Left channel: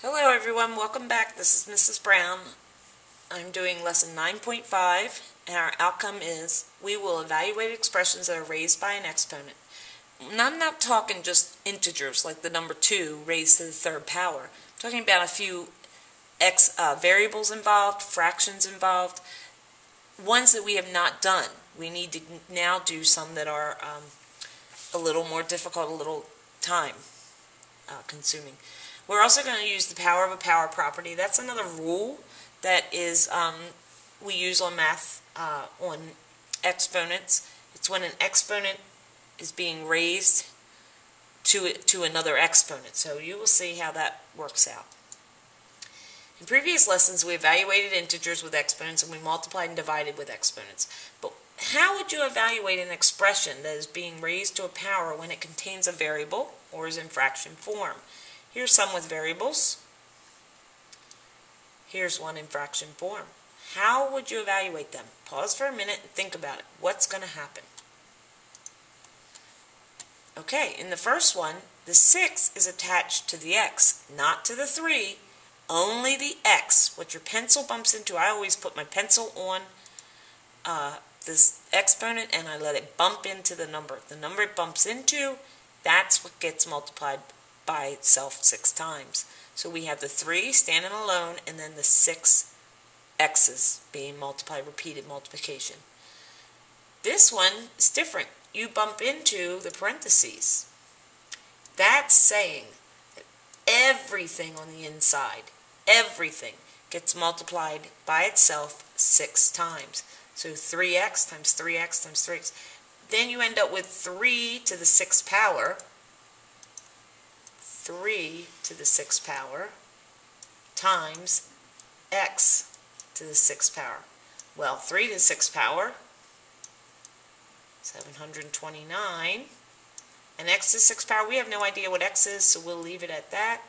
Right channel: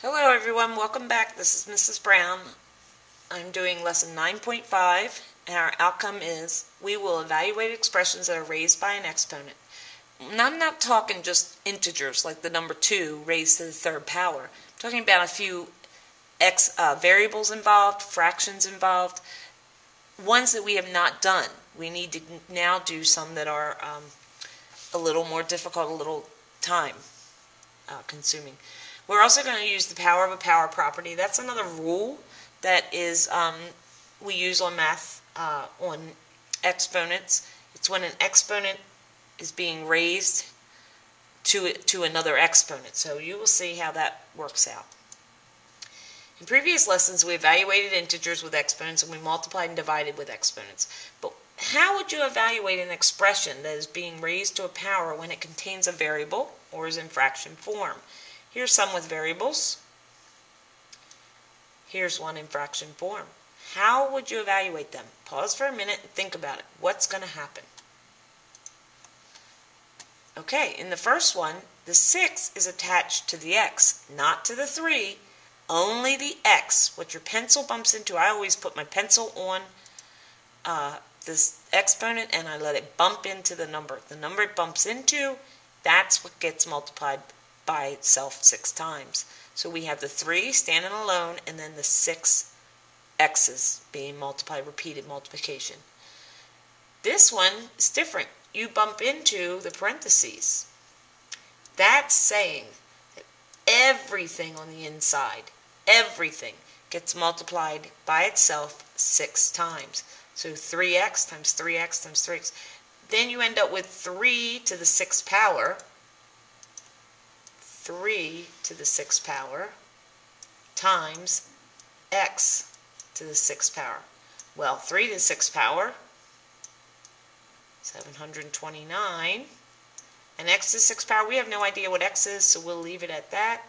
Hello everyone, welcome back. This is Mrs. Brown. I'm doing lesson 9.5 and our outcome is we will evaluate expressions that are raised by an exponent. And I'm not talking just integers like the number 2 raised to the third power. I'm talking about a few variables involved, fractions involved, ones that we have not done. We need to now do some that are a little more difficult, a little time consuming. We're also going to use the power of a power property. That's another rule that is we use on math on exponents. It's when an exponent is being raised to another exponent. So you will see how that works out. In previous lessons, we evaluated integers with exponents and we multiplied and divided with exponents. But how would you evaluate an expression that is being raised to a power when it contains a variable or is in fraction form? Here's some with variables. Here's one in fraction form. How would you evaluate them? Pause for a minute and think about it. What's going to happen? Okay, in the first one, the 6 is attached to the x, not to the 3, only the x. What your pencil bumps into, I always put my pencil on this exponent and I let it bump into the number. The number it bumps into, that's what gets multiplied by itself 6 times. So we have the 3 standing alone and then the 6 x's being multiplied, repeated multiplication. This one is different. You bump into the parentheses. That's saying that everything on the inside, everything gets multiplied by itself 6 times. So 3x times 3x times 3x. Then you end up with 3 to the 6th power. 3 to the 6th power times x to the 6th power. Well, 3 to the 6th power, 729. And x to the 6th power, we have no idea what x is, so we'll leave it at that.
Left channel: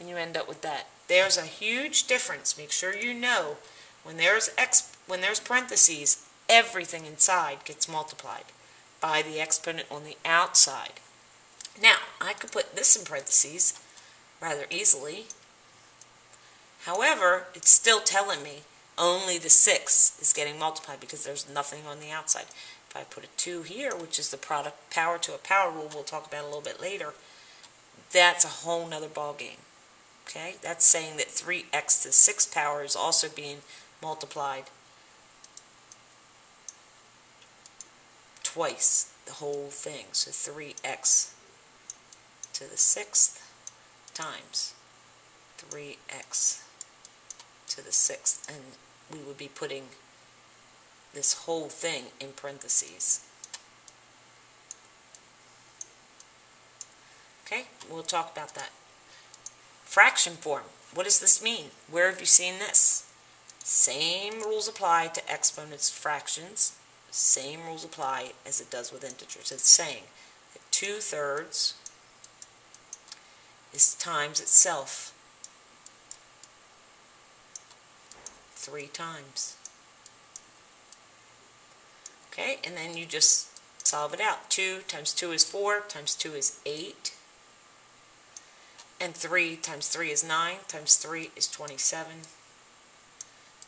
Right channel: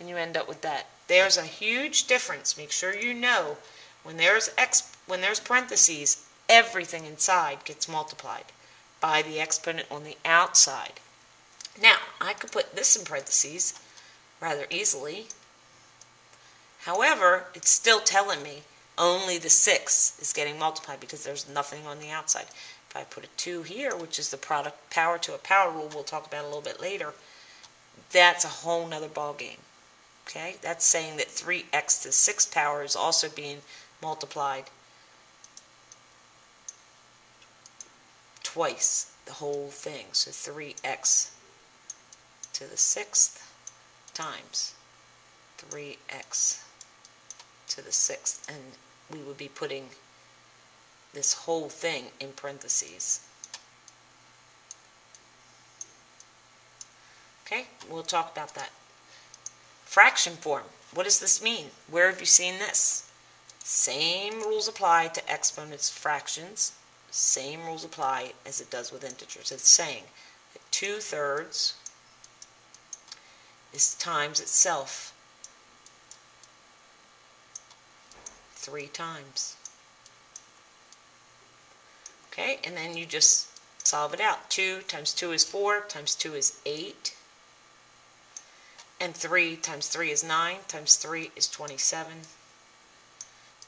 And you end up with that. There's a huge difference. Make sure you know when there's parentheses, everything inside gets multiplied by the exponent on the outside. Now, I could put this in parentheses rather easily. However, it's still telling me only the 6 is getting multiplied because there's nothing on the outside. If I put a 2 here, which is the product power to a power rule we'll talk about a little bit later, that's a whole nother ball game. Okay? That's saying that 3x to the 6th power is also being multiplied twice, the whole thing. So 3x to the 6th times 3x to the 6th, and we would be putting this whole thing in parentheses. Okay, we'll talk about that. Fraction form. What does this mean? Where have you seen this? Same rules apply to exponents, fractions. Same rules apply as it does with integers. It's saying that 2/3 is times itself 3 times. Okay, and then you just solve it out. 2 times 2 is 4, times 2 is 8. And 3 times 3 is 9, times 3 is 27.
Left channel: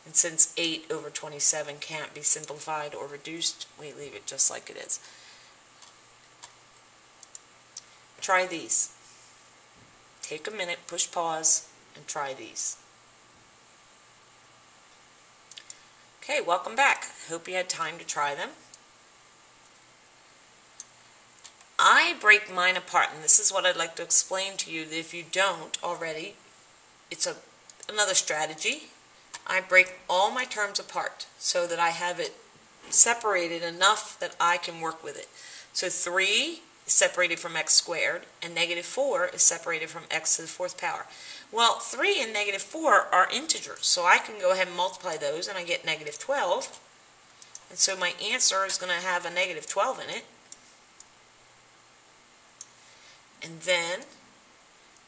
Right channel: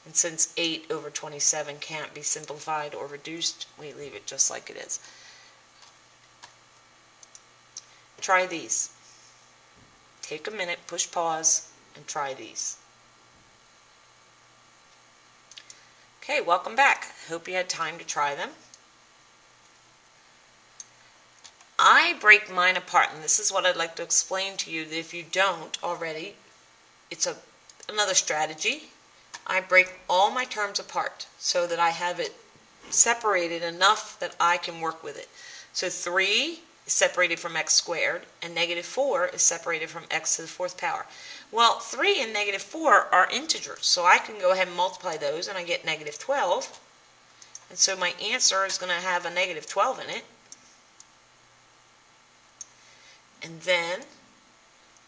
And since 8 over 27 can't be simplified or reduced, we leave it just like it is. Try these. Take a minute, push pause, and try these. Okay, welcome back. Hope you had time to try them. I break mine apart, and this is what I'd like to explain to you that if you don't already, it's another strategy. I break all my terms apart so that I have it separated enough that I can work with it. So 3 is separated from x squared, and -4 is separated from x to the 4th power. Well, 3 and -4 are integers, so I can go ahead and multiply those, and I get -12. And so my answer is going to have a -12 in it. And then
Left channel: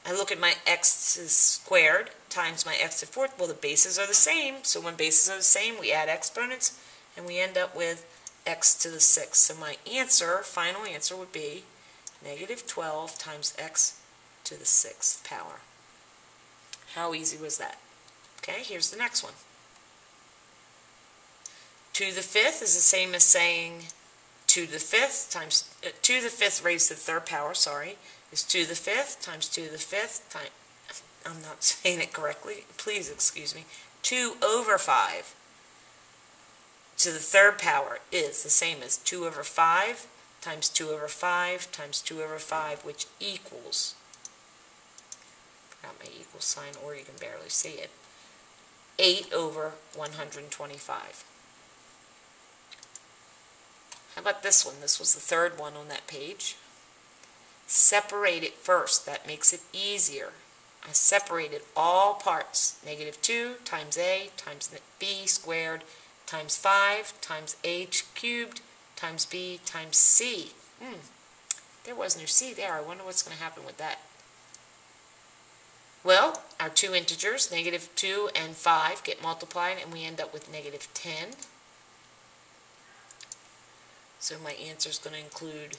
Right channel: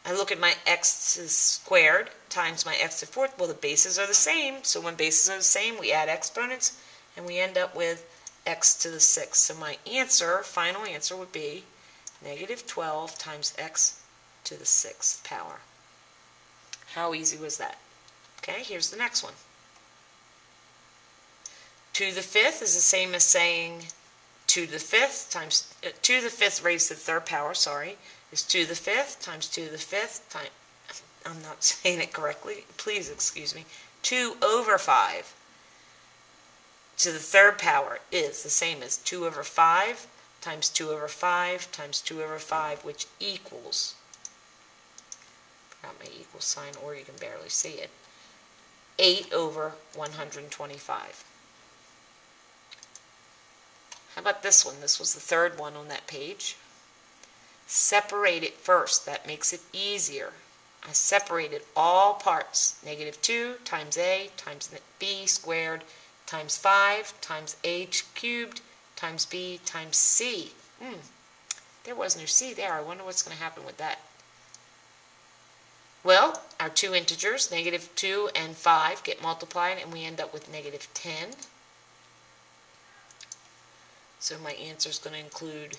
I look at my x squared times my x to the 4th. Well, the bases are the same, so when bases are the same, we add exponents, and we end up with x to the 6th. So my answer, final answer, would be -12 times x to the 6th power. How easy was that? Okay, here's the next one. 2 to the 5th is the same as saying 2 to the 5th times 2 to the 5th raised to the third power, is 2 to the 5th times 2 to the 5th times, I'm not saying it correctly, please excuse me, 2 over 5 to the third power is the same as 2 over 5 times 2 over 5 times 2 over 5, which equals, forgot my equal sign, or you can barely see it, 8 over 125. How about this one? This was the third one on that page. Separate it first. That makes it easier. I separated all parts. -2 times a times b squared times 5 times h cubed times b times c. There was no c there. I wonder what's going to happen with that. Well, our two integers, -2 and 5, get multiplied, and we end up with -10. So my answer is going to include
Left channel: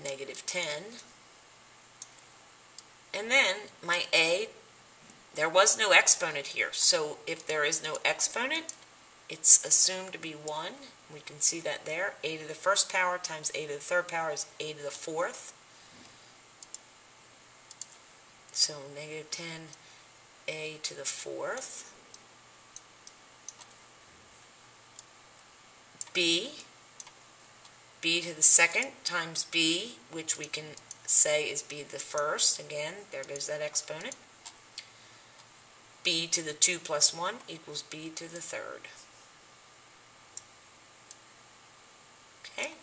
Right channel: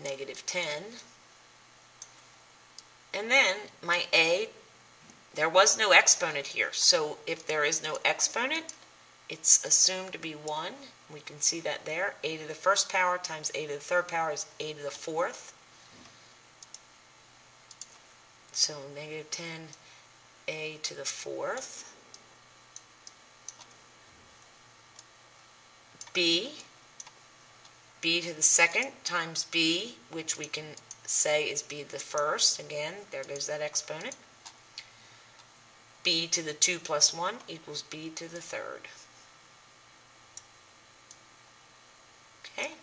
-10. And then my a, there was no exponent here. So if there is no exponent, it's assumed to be 1. We can see that there. A to the first power times a to the third power is a to the fourth. So -10 a to the fourth. b to the second times b, which we can say is b to the first. Again, there goes that exponent. B to the 2 plus 1 equals B to the third. Okay.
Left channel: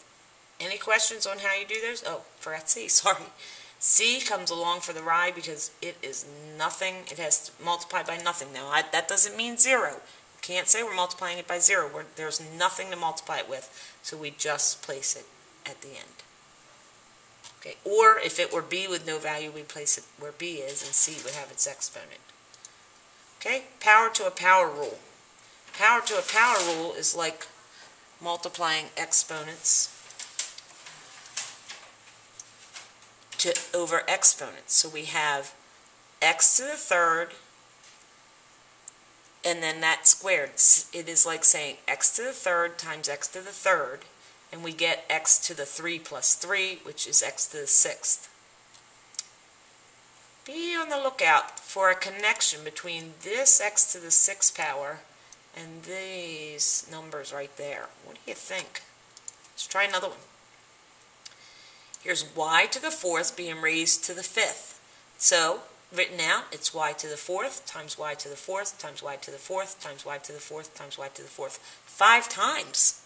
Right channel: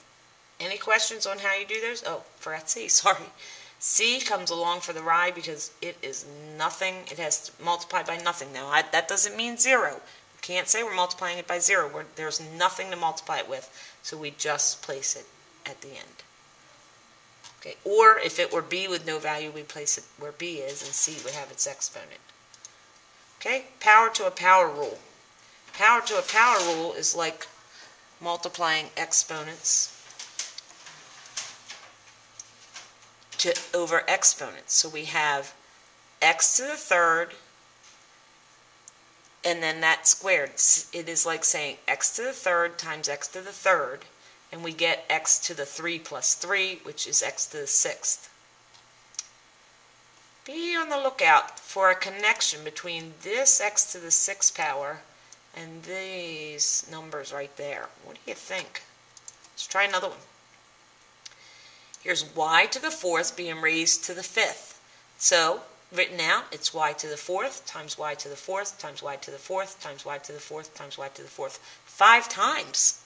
Any questions on how you do those? Oh, forgot C, sorry. C comes along for the ride because it is nothing. It has to multiply by nothing. Now, that doesn't mean 0. We can't say we're multiplying it by 0. There's nothing to multiply it with, so we just place it at the end. Okay. Or if it were B with no value, we place it where B is, and C would have its exponent. Okay, power to a power rule. Power to a power rule is like multiplying exponents over exponents. So we have x to the third, and then that squared. It is like saying x to the third times x to the third, and we get x to the 3 plus 3, which is x to the sixth. Be on the lookout for a connection between this x to the 6th power and these numbers right there. What do you think? Let's try another one. Here's y to the 4th being raised to the 5th. So, written out, it's y to the 4th times y to the 4th times y to the 4th times y to the 4th times y to the 4th. 5 times.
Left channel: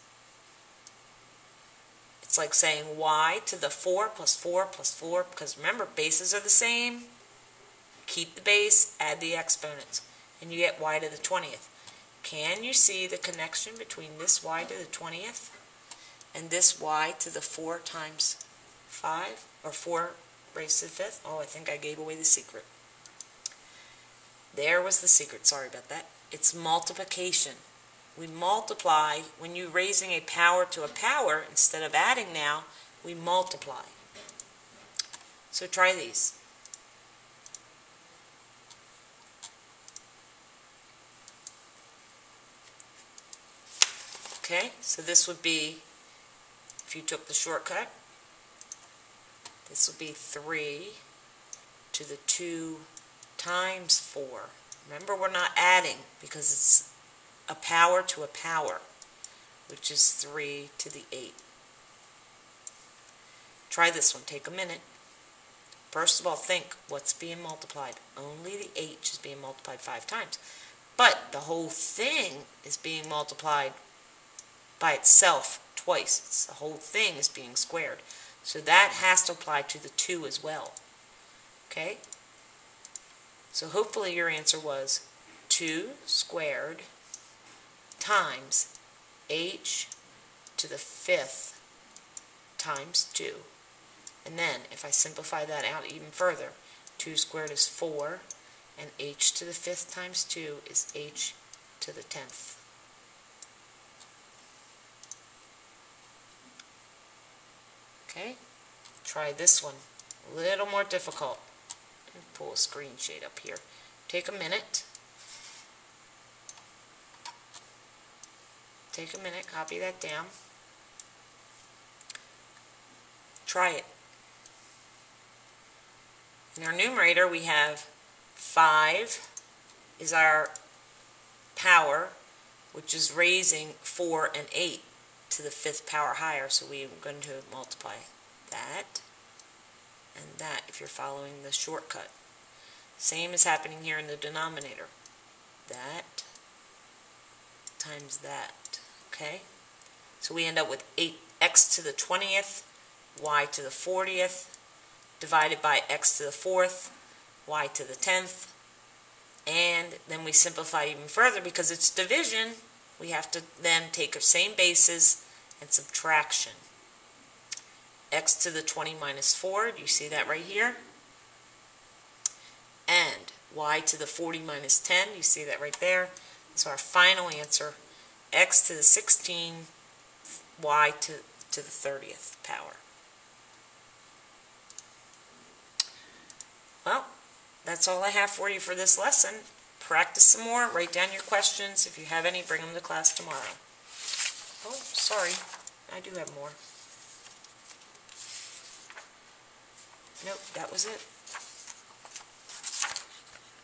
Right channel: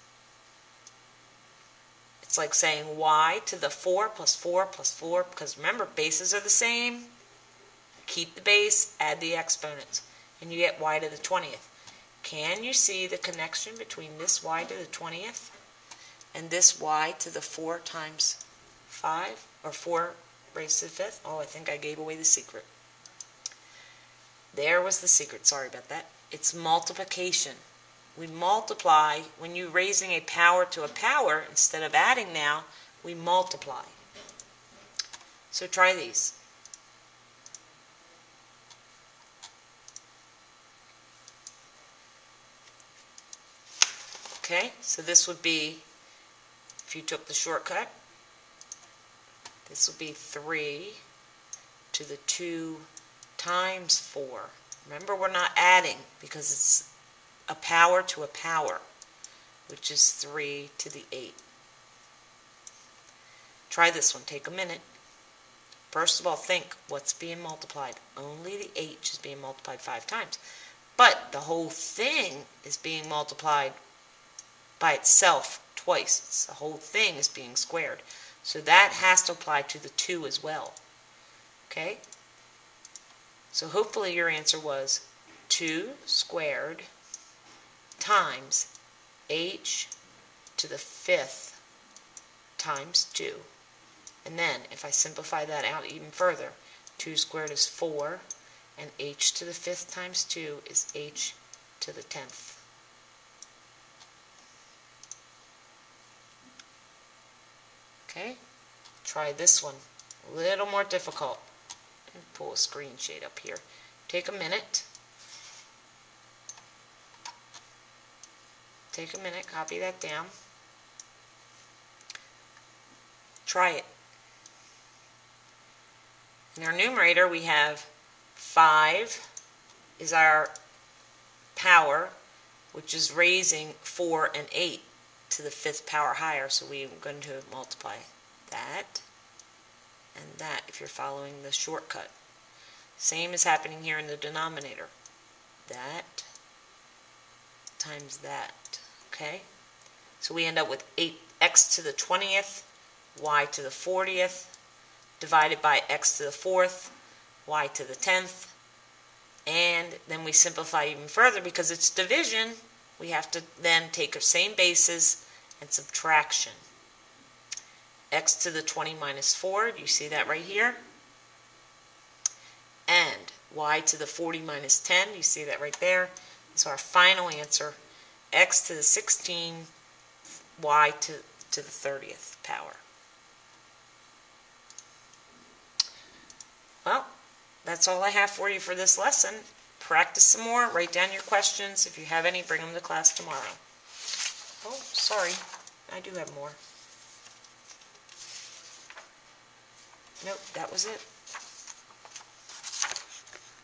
It's like saying y to the 4 plus 4 plus 4, because remember, bases are the same. Keep the base, add the exponents, and you get y to the 20th. Can you see the connection between this y to the 20th and this y to the 4 times 5, or 4 raised to the 5th? Oh, I think I gave away the secret. There was the secret. Sorry about that. It's multiplication. We multiply. When you're raising a power to a power, instead of adding now, we multiply. So try these. Okay, so this would be, if you took the shortcut, this would be 3 to the 2 times 4. Remember, we're not adding because it's a power to a power, which is 3 to the 8. Try this one. Take a minute. First of all, think what's being multiplied. Only the h is being multiplied 5 times. But the whole thing is being multiplied by itself twice. The whole thing is being squared. So that has to apply to the 2 as well. Okay? So hopefully your answer was 2 squared times h to the 5th times 2. And then, if I simplify that out even further, 2 squared is 4, and h to the 5th times 2 is h to the 10th. Okay, try this one. A little more difficult. Let me pull a screen shade up here. take a minute. Take a minute, copy that down. Try it. In our numerator, we have 5 is our power, which is raising 4 and 8 to the 5th power higher. So we're going to multiply that and that if you're following the shortcut. Same is happening here in the denominator. That times that. Okay? So we end up with 8x to the 20th, y to the 40th, divided by x to the 4th, y to the 10th, and then we simplify even further because it's division. We have to then take the same bases and subtraction. X to the 20 minus 4, you see that right here, and y to the 40 minus 10, you see that right there. So our final answer, x to the 16, y to the 30th power. Well, that's all I have for you for this lesson. Practice some more. Write down your questions. If you have any, bring them to class tomorrow. Oh, sorry. I do have more. Nope, that was it.